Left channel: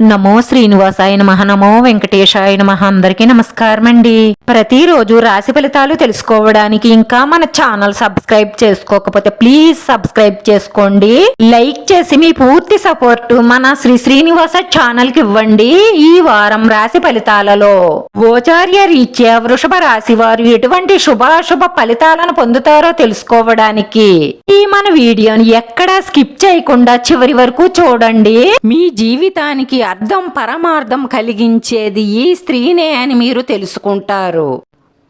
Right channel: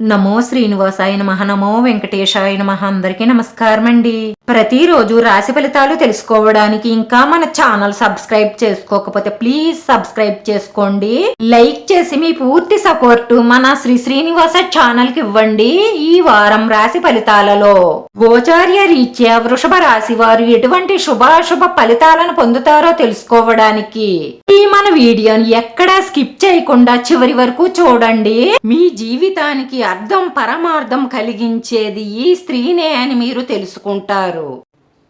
నమో శ్రీనివాసాయ నమః. నమో వెంకటేశాయ నమః. అందరికీ నమస్కారం అండి. ప్రతిరోజు రాశి ఫలితాలు తెలుసుకోవడానికి ఇంకా మన ఛానల్ సబ్స్క్రైబ్ చేసుకోకపోతే ప్లీజ్ సబ్స్క్రైబ్ చేసుకోండి. లైక్ చేసి మీ పూర్తి సపోర్ట్ మన శ్రీనివాస ఛానల్ కి ఇవ్వండి. ఈ వారం రాశి ఫలితాలలో గోచార్య రీత్యా వృషభ రాశి వారు ఎటువంటి శుభాశుభ ఫలితాలను పొందుతారో తెలుసుకోవడానికి ఈ మన వీడియోని ఎక్కడా స్కిప్ చేయకుండా చివరి వరకు చూడండి. మీ జీవితానికి అర్థం పరమార్థం కలిగించేది ఈ స్త్రీనే అని మీరు తెలుసుకుంటారు.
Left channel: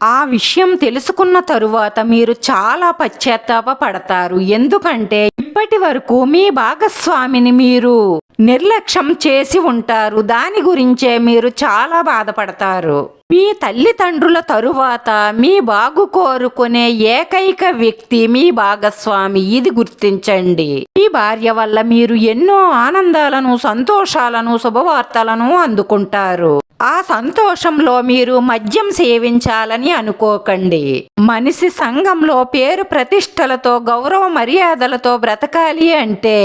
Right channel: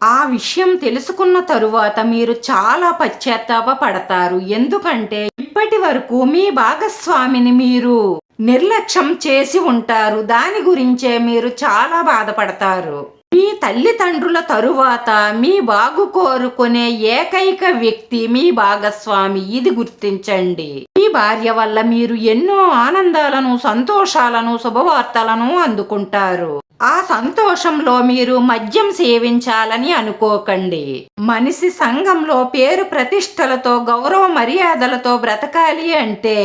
ఆ విషయం తెలుసుకున్న తరువాత మీరు చాలా పశ్చాత్తాప పడతారు. ఎందుకంటే ఇప్పటి వరకు మీ భాగస్వామిని మీరు నిర్లక్ష్యం చేసి ఉంటారు. దాని గురించే మీరు చాలా బాధపడతారు. మీ తల్లిదండ్రుల తరువాత మీ బాగు కోరుకునే ఏకైక వ్యక్తి మీ భాగస్వామి. ఇది గుర్తించండి. మీ భార్య వల్ల మీరు ఎన్నో ఆనందాలను, సంతోషాలను, శుభవార్తలను అందుకుంటారు. ఆ సంతోషంలో మీరు మద్యం సేవించాలని అనుకోకండి. మనిషి సంఘంలో పేరు ప్రతిష్టలతో, గౌరవ మర్యాదలతో బ్రతకాలి అంటే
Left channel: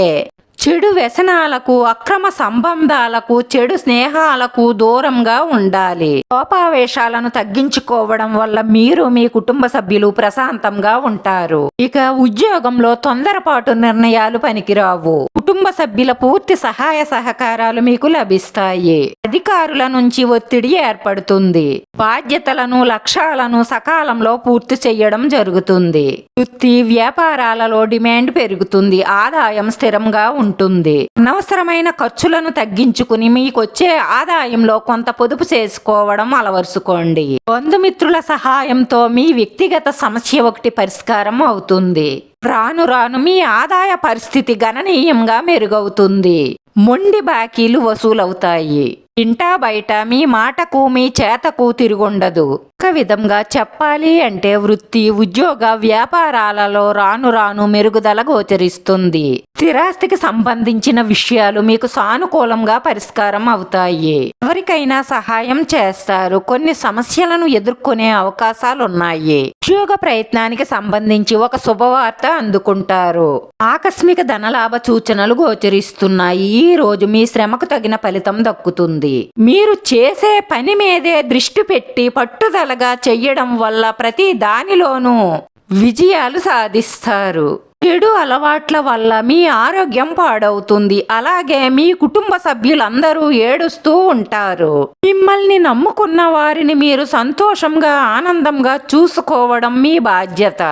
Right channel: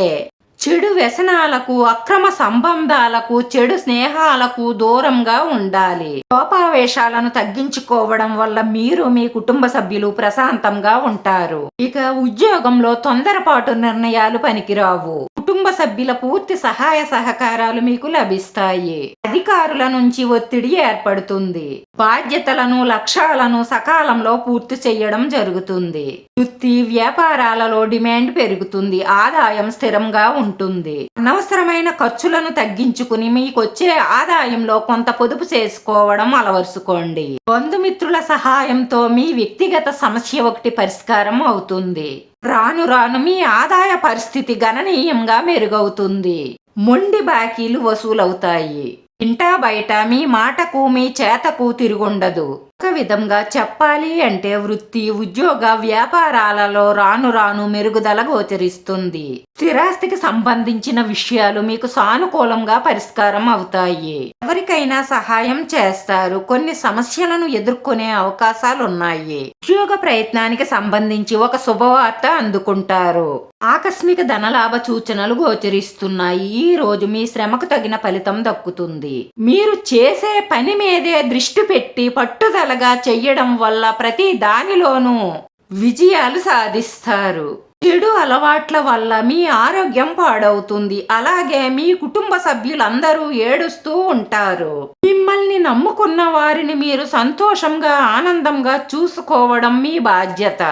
చెడు వ్యసనాలకు, అక్రమ సంబంధాలకు, చెడు స్నేహాలకు దూరంగా ఉండాలి. కోపావేశాలను తగ్గించుకోవడం వల్ల మీరు, మీ కుటుంబ సభ్యులు ప్రశాంతంగా ఉంటారు. ఇక ఉద్యోగంలో తొందరపాటు నిర్ణయాలు పనికిరావు. కుటుంబ సభ్యుల పూర్తి సహాయ సహకారాలు మీకు లభిస్తాయి. అధికారుల నుంచి ఒత్తిడి ఏర్పడుతుంది. బాధ్యతలను, లక్ష్యాలను సకాలంలో పూర్తి చేయడం జరుగుతుంది. వృత్తి వ్యాపారాలలో డిమాండ్ పెరుగుతుంది. ఆదాయం స్థిరంగా ఉంటుంది. అనవసరమైన ఖర్చులను తగ్గించుకుని మీకొచ్చే ఆదాయంలో కొంత పొదుపు చేసుకోవడం అలవరుచుకోండి. బంధుమిత్రుల సహాయంతో మీ వ్యక్తిగత సమస్య ఒకటి పరిష్కారం అవుతుంది. రాను రాను మీ ఆదాయ పరిస్థితి గణనీయంగా మెరుగవుతుంది. మొండి బాకీలు వసూలవుతాయి. ఇంటా బయట మీ మాటకు, మీ చేతకు తిరుగుండదు. ఒక విధంగా చెప్పాలి అంటే వృత్తి, ఉద్యోగ, వ్యాపారాలలో రాను రాను మెరుగుదల గోచరిస్తుంది. స్థిరాస్తికి సంబంధించిన విషయాలు మీకు సానుకూలంగా పరిష్కారం అవుతాయి. ఎవరికైనా సహాయం చేస్తారు. కొన్ని సమస్యలను ఎదుర్కొనే అవకాశాలున్నాయి. ఉద్యోగ ప్రయత్నానికి సంబంధించి ఒక శుభవార్త అందుకుంటారు. ఆకస్మిక ధనలాభ సూచనలు గోచరిస్తున్నాయి. ఈ రోజు మీ శ్రమకు తగిన ఫలితం దక్కుతుంది. మీరు చేసే పని మీదే దృష్టి పెట్టి పట్టుదలగా చెయ్యడం వల్ల ప్రతి దానిలోనూ విజయాలు సాధిస్తారు. చెడు అలవాట్ల వల్ల మీ ఆరోగ్యం పాడవుతుంది. అలాగే మీ కుటుంబ సభ్యులందరూ ఏడుస్తూ ఉంటారు. మిమ్మల్ని నమ్ముకున్న వారిని మీరు సంతోషంగా, ఆనందంగా చూసుకోవడం మీ బాధ్యత.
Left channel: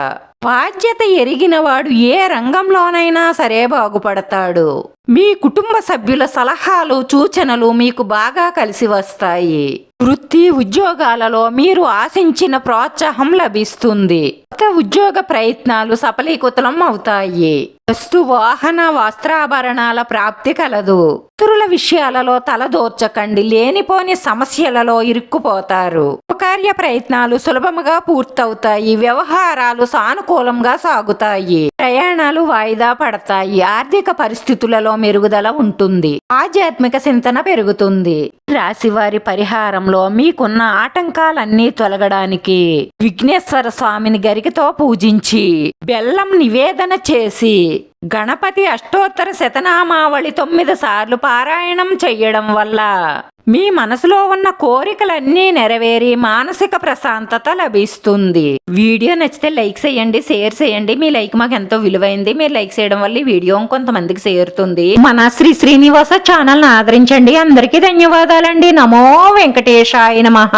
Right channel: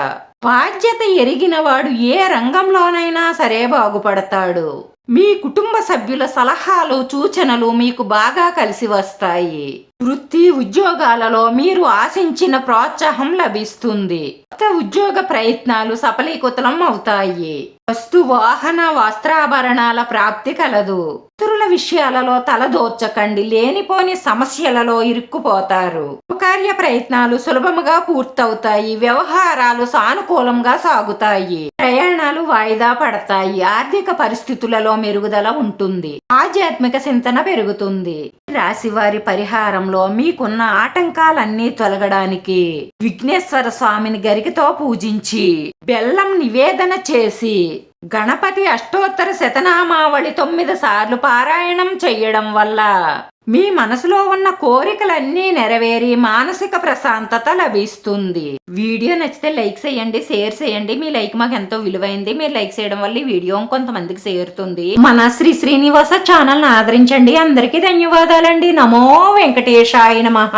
బాధ్యత ఎరిగినవాడు ఏ రంగంలోనైనా సరే బాగుపడతాడు. మీ కుటుంబ సభ్యుల సలహాలు, సూచనలు మీకు బాగా కలిసి వస్తాయి. వృత్తి ఉద్యోగాలలో మీరు ఆశించిన ప్రోత్సాహం లభిస్తుంది. కొత్త ఉద్యోగ ప్రయత్నాలు సఫలీకృతం అవుతాయి. వస్తు, వాహన, వస్త్రాభరణాల ప్రాప్తి కలదు. ఇతరుల విషయాలలో తలదోర్చకండి. లేనిపోని సమస్యలలో ఇరుక్కుపోతారు. కార్య ప్రయత్నాలు సులభముగా పూర్తవుతాయి. వ్యవహారాలు సానుకూలంగా సాగుతాయి. ప్రయాణాలు వాయిదా పడతాయి. ఆర్థిక పరిస్థితులలో మెరుగుదల ఉంటుంది. ఆధ్యాత్మిక చింతన పెరుగుతుంది. రాశివారి పరిహారంలో మీకున్న ఆటంకాలన్నీ తొలగడానికి విఘ్నేశ్వర స్వామిని గరికతో పూజించి బెల్లం నివేదన చేసి గణపతి అష్టోత్తర శతనామావళి 9 సార్లు పారాయణం చెయ్యడం వల్ల మీ మనసులో ఉన్న కోరికలన్నీ నెరవేరి మానసిక ప్రశాంతత లభిస్తుంది. వీడియో నచ్చితే లైక్ చేయండి, షేర్ చేయండి. మీ లైక్ మాకు ఎంతో విలువైంది. మీరు లైక్ చేయడం వల్ల ఈ వీడియో కొంతమందికి చేరుతుంది. మన శ్రీనివాస ఛానల్ ఆదరించండి. అందరికీ ధన్యవాదాలండి. నమో వెంకటేశాయ నమః.